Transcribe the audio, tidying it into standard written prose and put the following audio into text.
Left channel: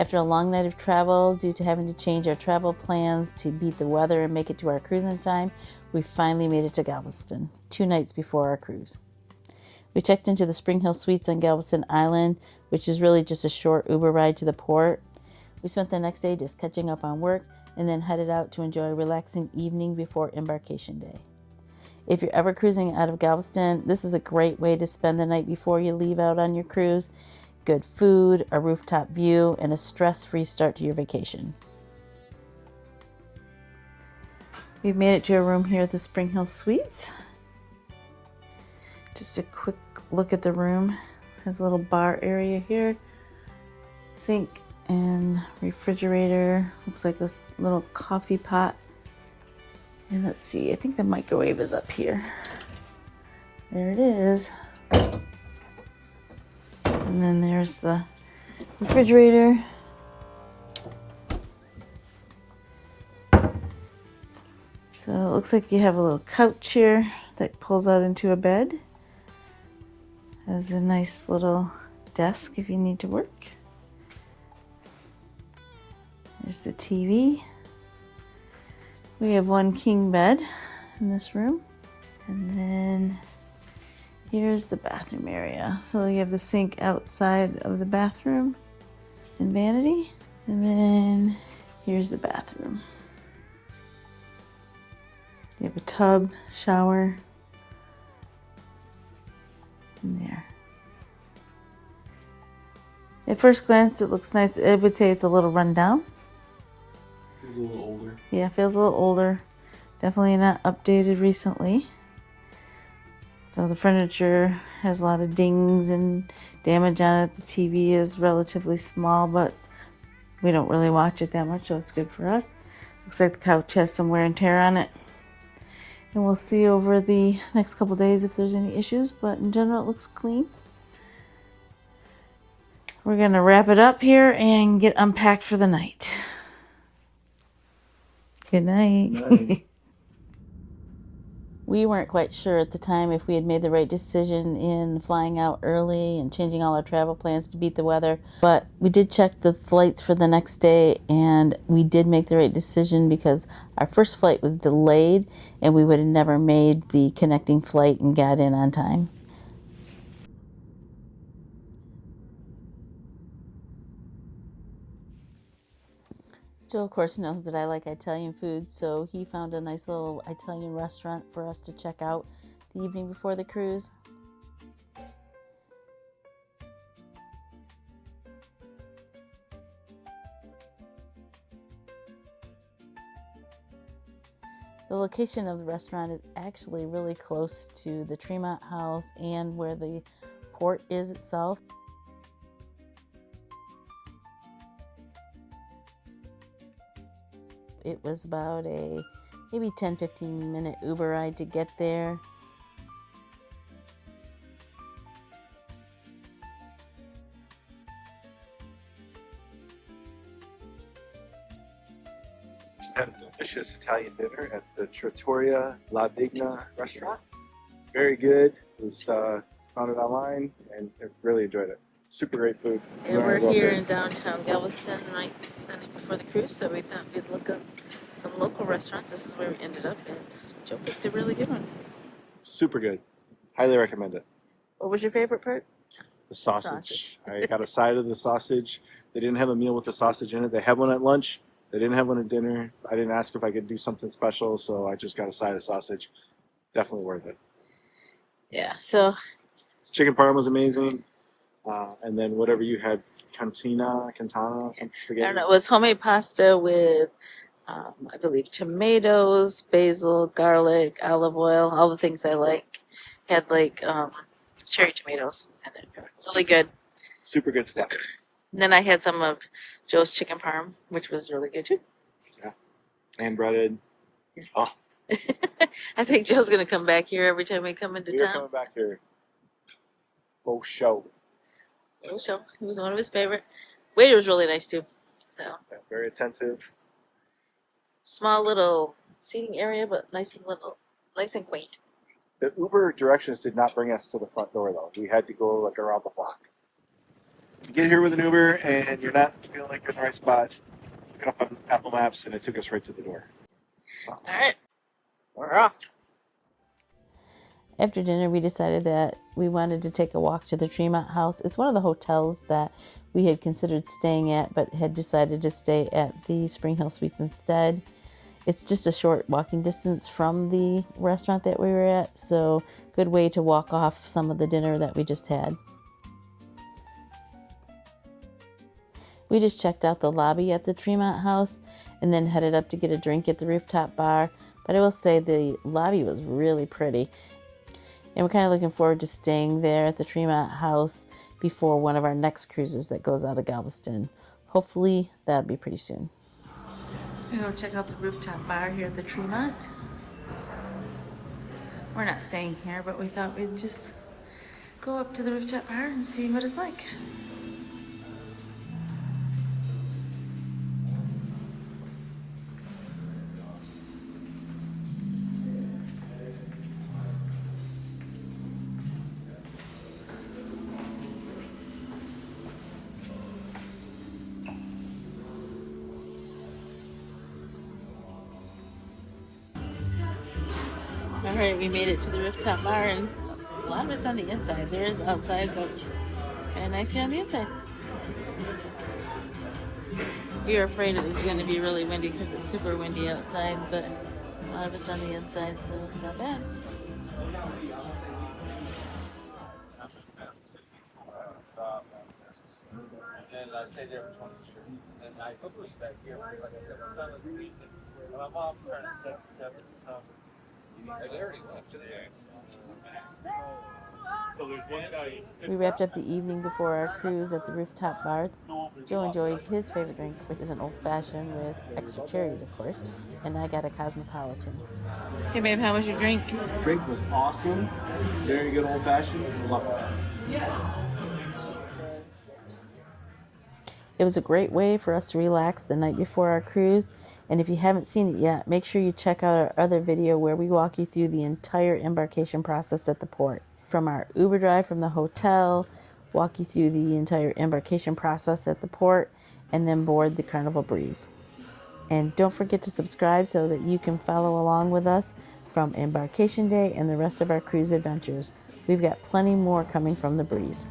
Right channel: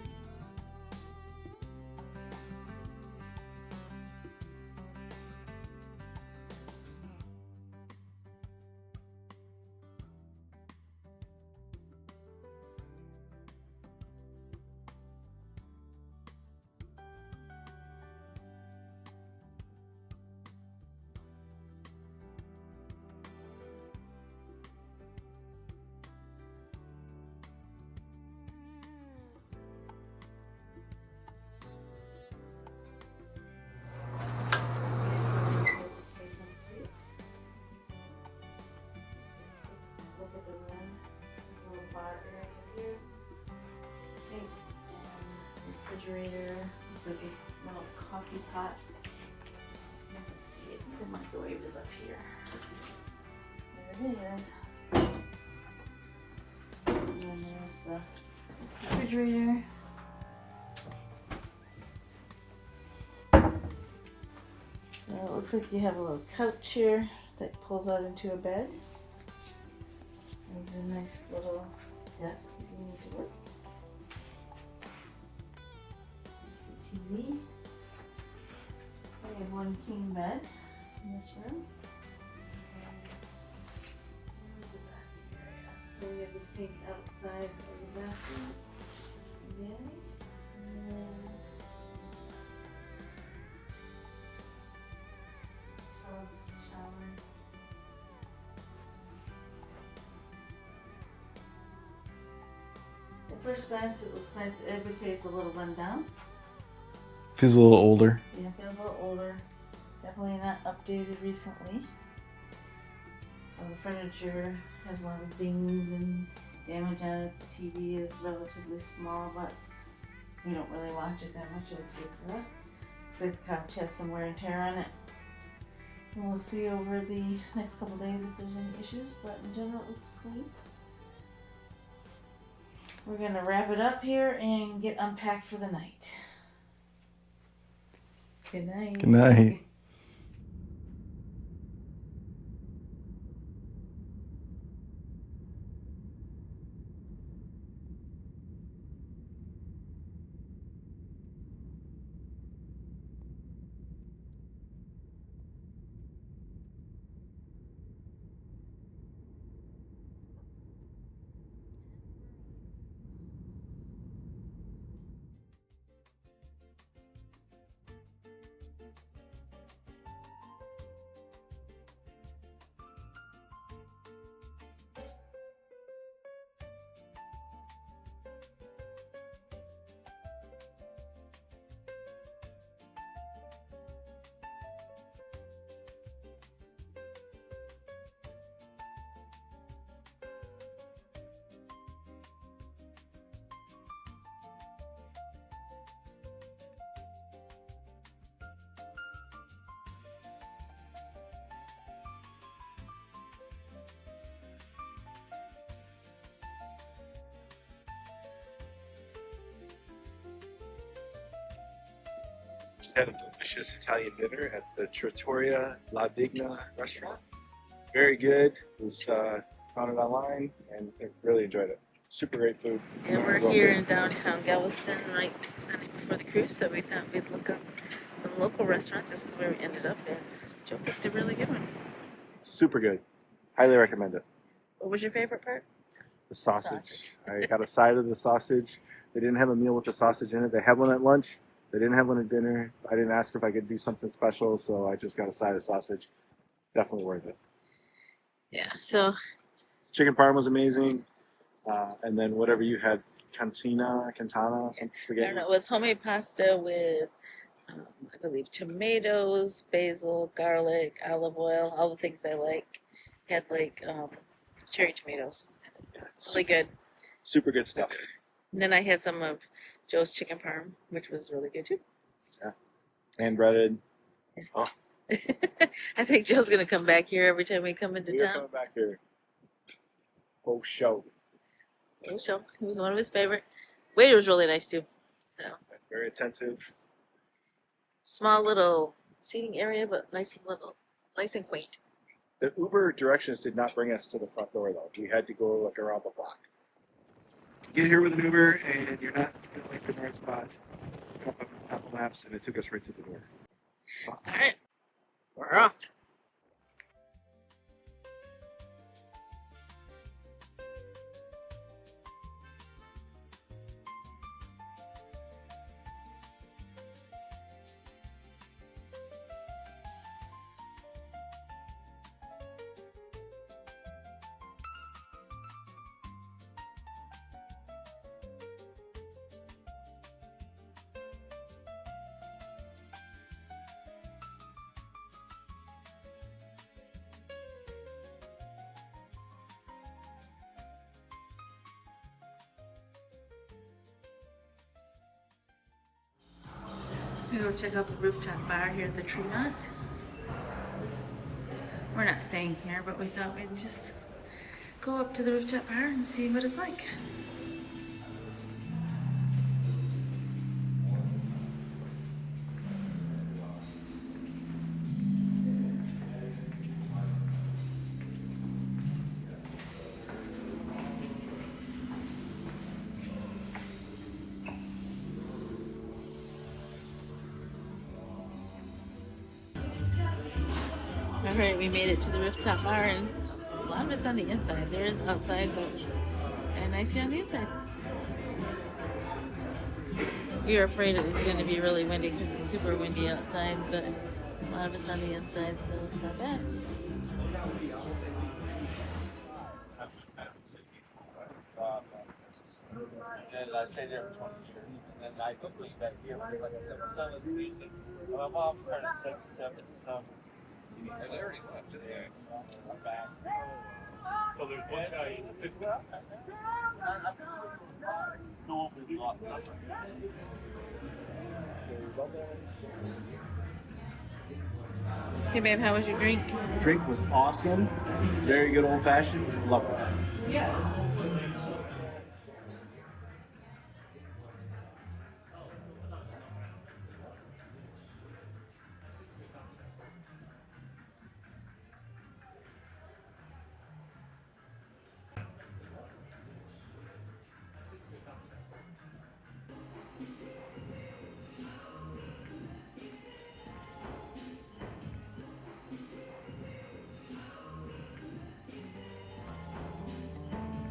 After a long night of travel, due to having to change our travel plans to beat the weather and make it to our cruise in time, we finally made it to Galveston, 2 nights before our cruise. We checked into the SpringHill Suites on Galveston Island, which is really just a short Uber ride to the port. We spent the next day just catching up on work and then headed out to enjoy a relaxing evening before embarkation day. If you're ever cruising out of Galveston, this is a great way to spend the night before you leave out on your cruise. Good food, a rooftop view, and a stress-free start to your vacation. We've made it to a room here at the SpringHill Suites. Just a quick look at the room. Has a little bar area here, sink and refrigerator. Looks like a little coffee pot. And let's see, I think the microwave is up here. There it is. And then there's the refrigerator. So it looks like you have a little couch here that pulls out into a bed. Has a nice little desk if you need to work. There's the TV. We have one king bed in this room. And then here's the bathroom area. So you have the sink outside of the bathroom and vanity. And then here's the bathroom. You have a tub, shower, in there. At first glance, it looks nice. I would say it's a little run down. Feels a little older. Yeah, feels a little older. Definitely not updated recently. So the furniture has a lot of dings and damage on it. The TV is relatively small, but we don't really watch it that much, so it's good for us. Looks like the couch has some wear and tear on it. And we'll see over the next couple days if there's any issues, but in general it looks clean. We're gonna wrap it up here and get unpacked for the night. Good night. Good night. We weren't quite sure at the time if we had made the right decision in flying out early and changing all our travel plans to beat the weather, but we did check the flights for the next day and we did make the right decision because our first flight was delayed and we would have never made the connecting flight and got in on time. Joe, of course, knows that I like Italian food, so he found a nice little Italian restaurant for us to check out the evening before the cruise. The location of the restaurant is actually really close to the Tremont House and where the port is itself. It was about a maybe 10-15 minute Uber ride to get there. Had a delicious Italian dinner at the Trattoria La Vigna restaurant. Very good. It was found it online and I really enjoyed it. Super great food. Yeah, we're here in downtown Galveston right the night before the cruise, so we thought we'd look up some local restaurants. This is where we ended up, and Joe picked a really good one. Super good. Highly recommend it. What was your favorite part? The sausage. I got a side of the sausage. They didn't have a meal with the sausage in it. They have one at lunch. They didn't have one at dinner. I didn't ask if I could do something special, so I just got a side of sausage. Definitely worth it. Yeah, so Chicken parm was amazing. And then whatever you had, cantana, some spaghetti. I don't know, it was homemade pasta with, I believe, tomatoes, basil, garlic, olive oil, all the things I like. Had like cherry tomatoes in it. Really good. Super good stuff. And then I had some of Joe's chicken parm, which was really good too. Yeah. And breaded. Oh. I think Joe's going to come back here every time we come into You're town. coming back here. Oh, show. Oh, so it was one of his favorite. Waiter was really nice too. So Yeah, very attentive. small little seating area, but nice and quaint. The Uber directions did not bring us to the front door though. We had to go like around the block. You get here with an Uber and you're not feeling like you're in the right spot, look it up on Apple Maps, and it took us right to the door. So. All right, we're off. After dinner, we decided that we wanted to take a walk to the Tremont House. It's one of the hotels that we had considered staying at, but had decided to stay at the SpringHill Suites instead. It's just a short walking distance from the restaurant that we were at, so good way to walk off some of the dinner that we just had. We just checked out the lobby at the Tremont House and then headed up to get a drink at the rooftop bar, but I will say the lobby was really pretty. And we're kind of looking forward to staying there at the Tremont House before one of our next cruises that goes out of Galveston. Hopefully that'll be pretty soon. I'm gonna go check out the rooftop bar here at the Tremont. We're not staying here, but we thought we'd just go up to the rooftop bar and see what it's like. All right, we made it to the rooftop bar, and a lot of it's on the inside. There's outside, but it's kind of nice here on the inside. We were afraid it was going to be really windy because it's super windy outside, but a lot of it's on the inside, so it's not bad. And I stayed there for 20 years. And I moved back here. My mom's trying to set so they already left today. So there's one guy. We wrapped up the evening before our cruise at the rooftop bar. Joe enjoyed his favorite drink, which is an old-fashioned with extra cherries, of course, and I got a cosmopolitan. Hey babe, how was your drink? Drink was awesome. Very good old-fashioned. Love it. It was a great way for us to relax the night before our cruise, and if you haven't seen it yet, make sure you check out our other video where we walk you through the entire embarkation process at the port. From our Uber drive from the hotel, walk you through the entire embarkation process at the port, and then board the Carnival Breeze. And don't forget to subscribe so that you can follow along with us from embarkation day and the rest of our cruise adventures. We've got plenty more coming from the Breeze.